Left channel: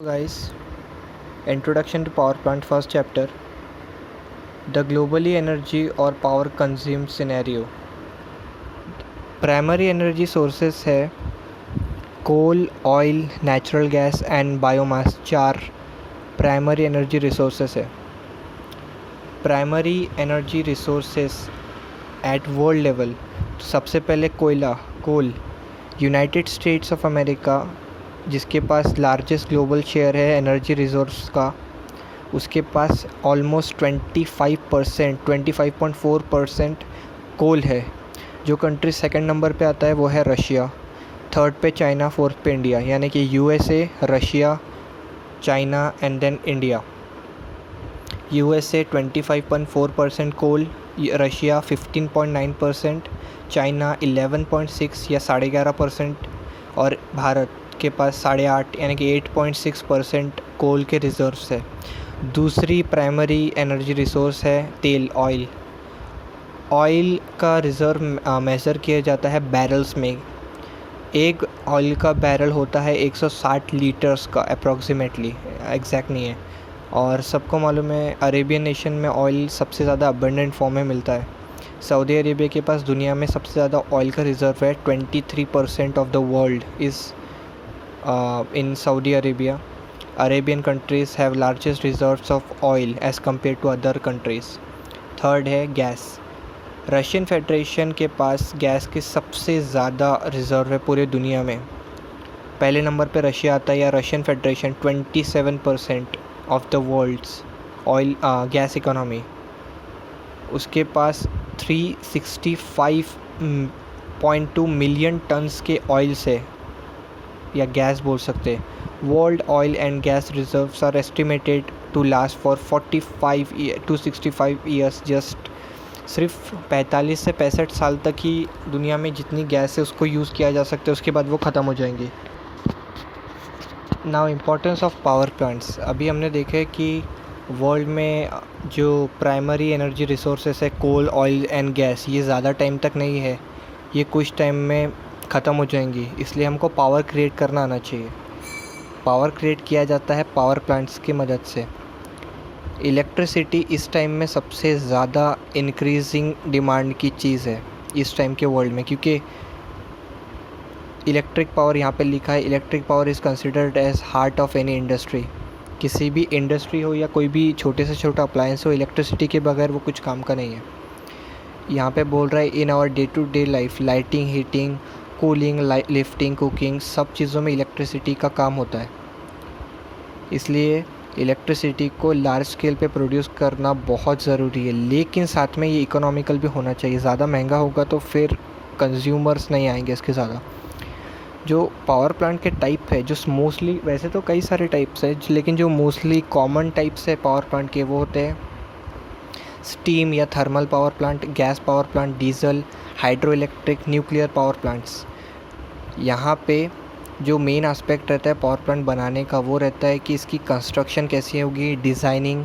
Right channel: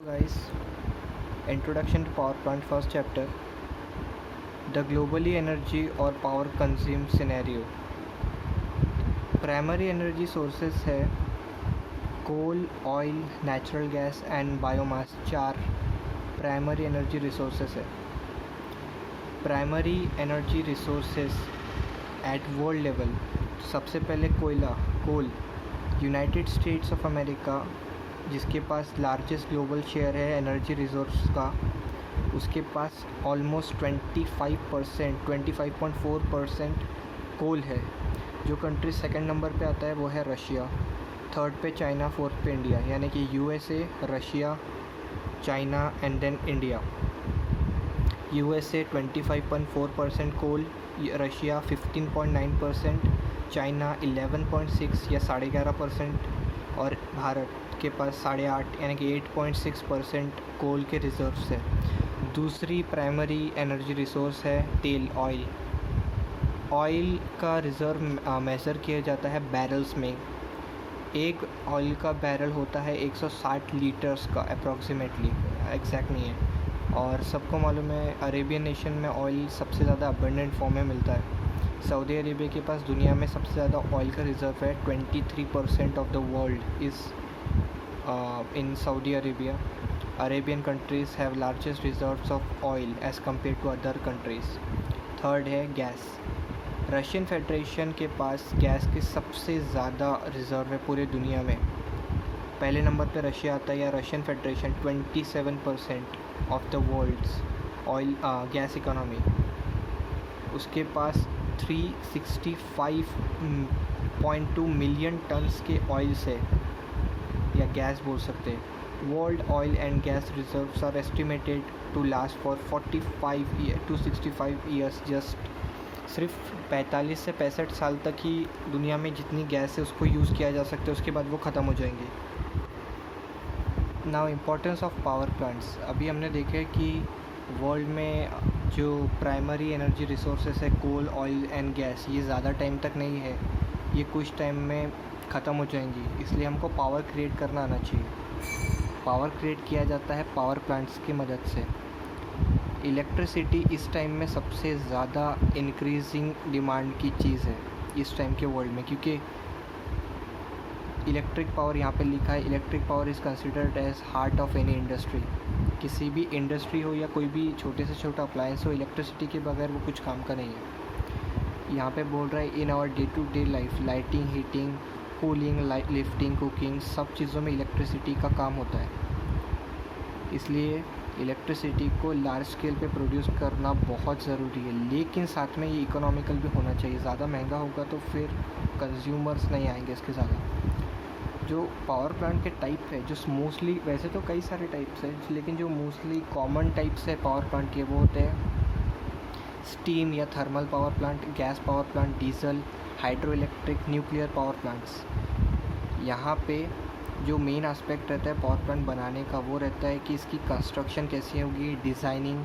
Guys, introduction to power plant, first chapter. The globally energy or power consumed scenario. Primary energy sources है coal, oil, natural gas and biomass. 4 primary energy resources है. Primary energy resources at world level. सबसे पहले कोयला, कोल. United states of America जिसके पास largest global share है energy resource का, उसके पास almost 25.4% कोल है. जो कंट्री सेकंड नंबर पे आता है वो है रशिया, थर्ड पे चाइना, फोर्थ पे इंडिया. यानी कि USA, Russia, China and then India. USA 25.4% coal, Russia 15.9%, China 11.6 या 11.5% और भारत के पास 8.5 यानी कि 8.6% कोल के रिजर्व्स है. दूसरी प्राइमरी एनर्जी रिसोर्स है तेल, ऑयल. ऑयल का रिज़र्व मेज़र किया जाता है बैरल्स में. एक ऑयल का बैरल होता है 160 लीटर्स का अप्रॉक्सीमेटली, एग्जैक्ट नहीं है. और सबको मालूम है अरेबियन नेशन में ऑयल सबसे ज़्यादा अबंडेंट फॉर्म में मिलता है. सऊदी अरेबिया के पास दुनिया में सबसे ज़्यादा ऑयल का रिज़र्व है. 23% of the world is in Saudi Arabia. Arabian countries have largest reserves of oil as compared to other countries. Third है गैस. रशियन फेडरेशन के पास गैस के सबसे ज़्यादा रिज़र्व है पूरे दुनिया में. पहले नंबर पे रशिया आता है या Russian federation 27% of the world's oil gas economy. उसके पास 365.2 मिलियन टन्स के ऑयल से या गैस बोल सकते हैं. World oil and gas reserves are estimated to last for 45 to 65 years. Just सिर्फ 45 से 65 साल तक ही दुनिया में जितनी गैस है उसको यूज़ किया जा सकता है, उसके बाद वो ख़त्म हो जाएंगी. Now importance of power plants. अभी हमने देखा है कि वर्ल्ड में जो प्राइमरी एनर्जी रिसोर्सेस है कोल, ऑयल एंड गैस, ये ज़्यादा टाइम तक नहीं है, ये कुछ टाइम में ख़त्म हो जाएंगी. इसलिए हमको पावर क्रिएट करना आना चाहिए. पावर क्रिएट किया जाता है पावर प्लांट्स की मदद से. इलेक्ट्रिसिटी इस टाइम में सबसे ज़्यादा इंक्रीजिंग डिमांड की चीज़ है इस टाइम के वर्ल्ड में, क्योंकि इलेक्ट्रिक पावर यहाँ पे लिखा है. Electric power is considered as heart of any industry. किसी भी इंडस्ट्री हो या कोई भी छोटे से छोटा अप्लायंस हो, इलेक्ट्रिसिटी के बगैर वो कुछ काम का नहीं है. यहाँ पे बोल रहा है in our day to day life, lighting, heating, cooling, lifting, cooking, सब चीज़ों में इलेक्ट्रिसिटी का काम होता है. इसलिए इलेक्ट्रिसिटी को लार्ज स्केल पे प्रोड्यूस करना बहुत ज़रूरी है, लेकिन साथ में ये इकोनॉमिकल भी होना चाहिए. ज़्यादा महंगा होगा तो फिर कंज्यूमर्स नहीं आएंगे इसके ज़्यादा. जो पावर प्लांट के टाइप है, जो मोस्टली, वैसे तो कई सारे टाइप्स है, लेकिन जो मोस्टली कॉमन टाइप्स है पावर प्लांट के वो होते हैं स्टीम या thermal power plant, gas power plant, diesel, hydro electric, nuclear power plants. यहाँ पे जो मेन एस्पेक्ट रहता है पावर प्लांट बनाने का वो रहता है कि इसकी कंस्ट्रक्शन कैसी होगी, designing,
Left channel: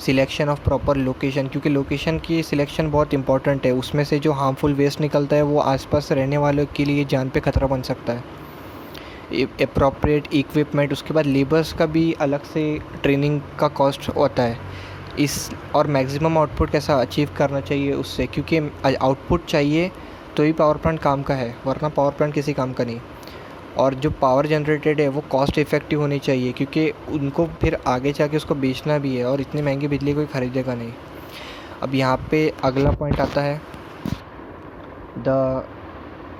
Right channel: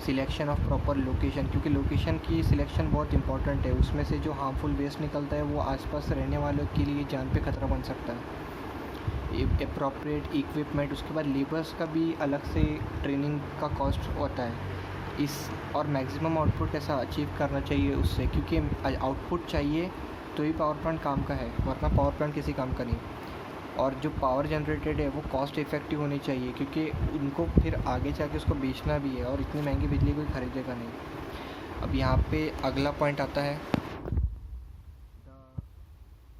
selection of proper location, क्योंकि लोकेशन की सिलेक्शन बहुत इंपॉर्टेंट है. उसमें से जो हार्मफुल वेस्ट निकलता है वो आसपास रहने वालों के लिए जान पे खतरा बन सकता है. अप्रोप्रिएट इक्विपमेंट, उसके बाद लेबर्स का भी अलग से ट्रेनिंग का कॉस्ट होता है. इस और मैक्सिमम आउटपुट कैसा अचीव करना चाहिए उससे, क्योंकि आउटपुट चाहिए तो ही पावर प्लांट काम का है, वरना पावर प्लांट किसी काम का नहीं. और जो पावर जनरेटेड है वो कॉस्ट इफ़ेक्टिव होनी चाहिए, क्योंकि उनको फिर आगे जाके उसको बेचना भी है और इतनी महंगी बिजली कोई ख़रीदेगा नहीं. अब यहाँ पे अगला पॉइंट आता है the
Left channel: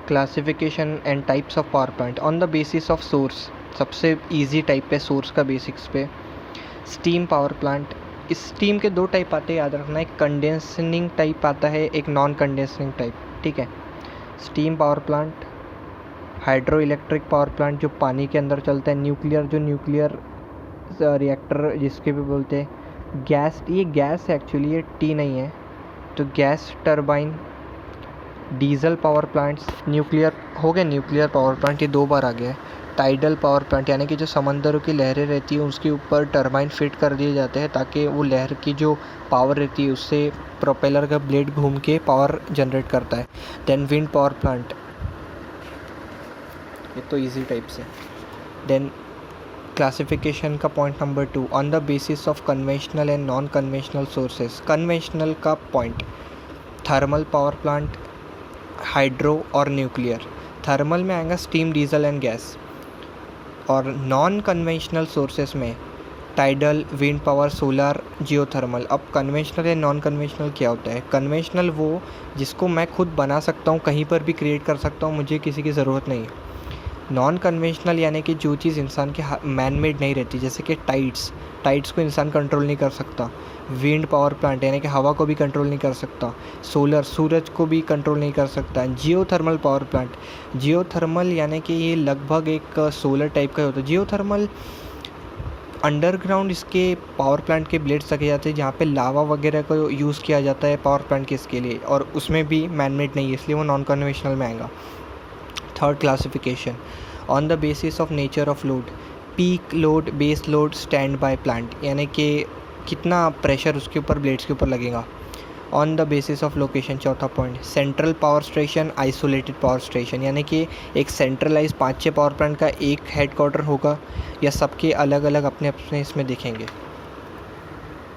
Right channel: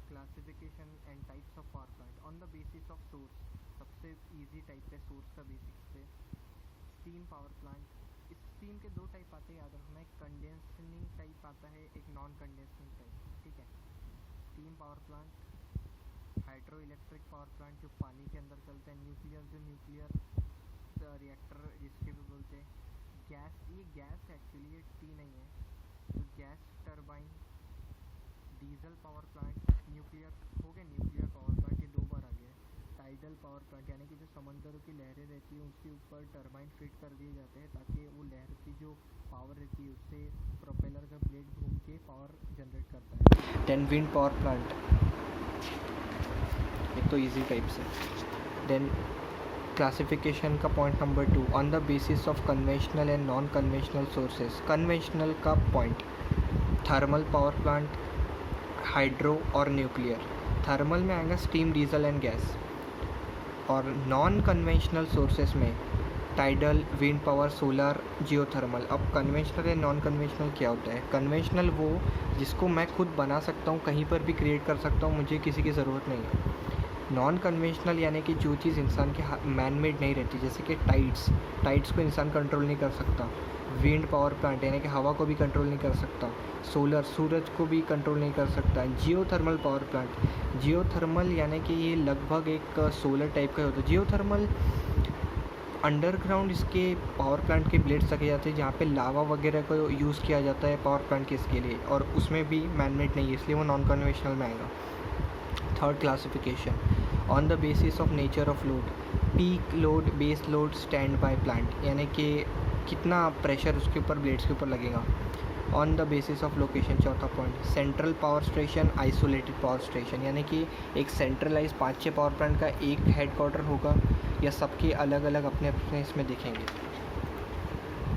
classification and types of power plant on the basis of source. सबसे इजी टाइप है सोर्स का बेसिक्स पे. Steam power plant. इस स्टीम के 2 टाइप आते हैं, याद रखना. एक कंडेंसिंग टाइप आता है, एक नॉन कंडेंसिंग टाइप. ठीक है. Steam power plant, hydro electric power plant जो पानी के अंदर चलता है, न्यूक्लियर जो न्यूक्लियर रिएक्टर जिसके भी बोलते हैं, गैस, ये गैस है एक्चुअली, ये टी नहीं है, तो gas turbine, diesel power plants, nuclear हो गया. न्यूक्लियर पावर प्लांट ये 2 बार आ गया है. टाइडल पावर प्लांट यानी कि जो समंदरों की लहरें रहती है उसके ऊपर टरबाइन फिट कर दिए जाते हैं ताकि वो लहर की जो पावर रहती है उससे प्रोपेलर का ब्लेड घूम के पावर जनरेट करता है. देन विंड पावर प्लांट, ये तो इजी टाइप से. देन क्लासिफिकेशन का point number 2, on the basis of conventional and non conventional sources. Conventional का point thermal power plant, hydro और न्यूक्लियर। थर्मल में आएगा स्टीम, डीजल एंड गैस। और non conventional sources में tidal, wind power, solar, geothermal. अब conventional या non conventional क्या होता है? कन्वेंशनल वो जिसको मैं खुद बना सकता हूँ, कहीं पर भी क्रिएट कर सकता हूँ, मुझे किसी की ज़रूरत नहीं है। नॉन कन्वेंशनल यानी कि जो चीज़ इंसान के मैन मेड नहीं रहती, जैसे कि टाइड्स को इंसान कंट्रोल नहीं कर सकता। विंड पावर प्लांट यानी कि हवा को भी कंट्रोल नहीं कर सकता। सोलर, सूरज को भी कंट्रोल नहीं कर सकता। जियोथर्मल पावर प्लांट, जियोथर्मल यानी कि ये लगभग एक सोलर टाइप का होता है। जियोथर्मल अंडरग्राउंड इसके पावर प्लांट के ब्लेड्स रखे जाते हैं, जहाँ पे लावा वगैरह को यूज़ किया जाता है पावर प्लांट के इसके लिए, और उसमें भी मैन मेड नहीं है, इसलिए वो नॉन कन्वेंशनल में आएगा। Third classification, on the basis of nature of load, peak load, base load, stand by plant, यानी कि कितना प्रेशर उसके ऊपर ब्लेड्स के ऊपर लगेगा। On the basis of location, चौथा point, central power station, isolated power station, यानी कि एक सेंट्रलाइज 5-6 पावर प्लांट का एक हेड क्वार्टर होगा या सबके अलग अलग अपने अपने इसमें दिखेंगे।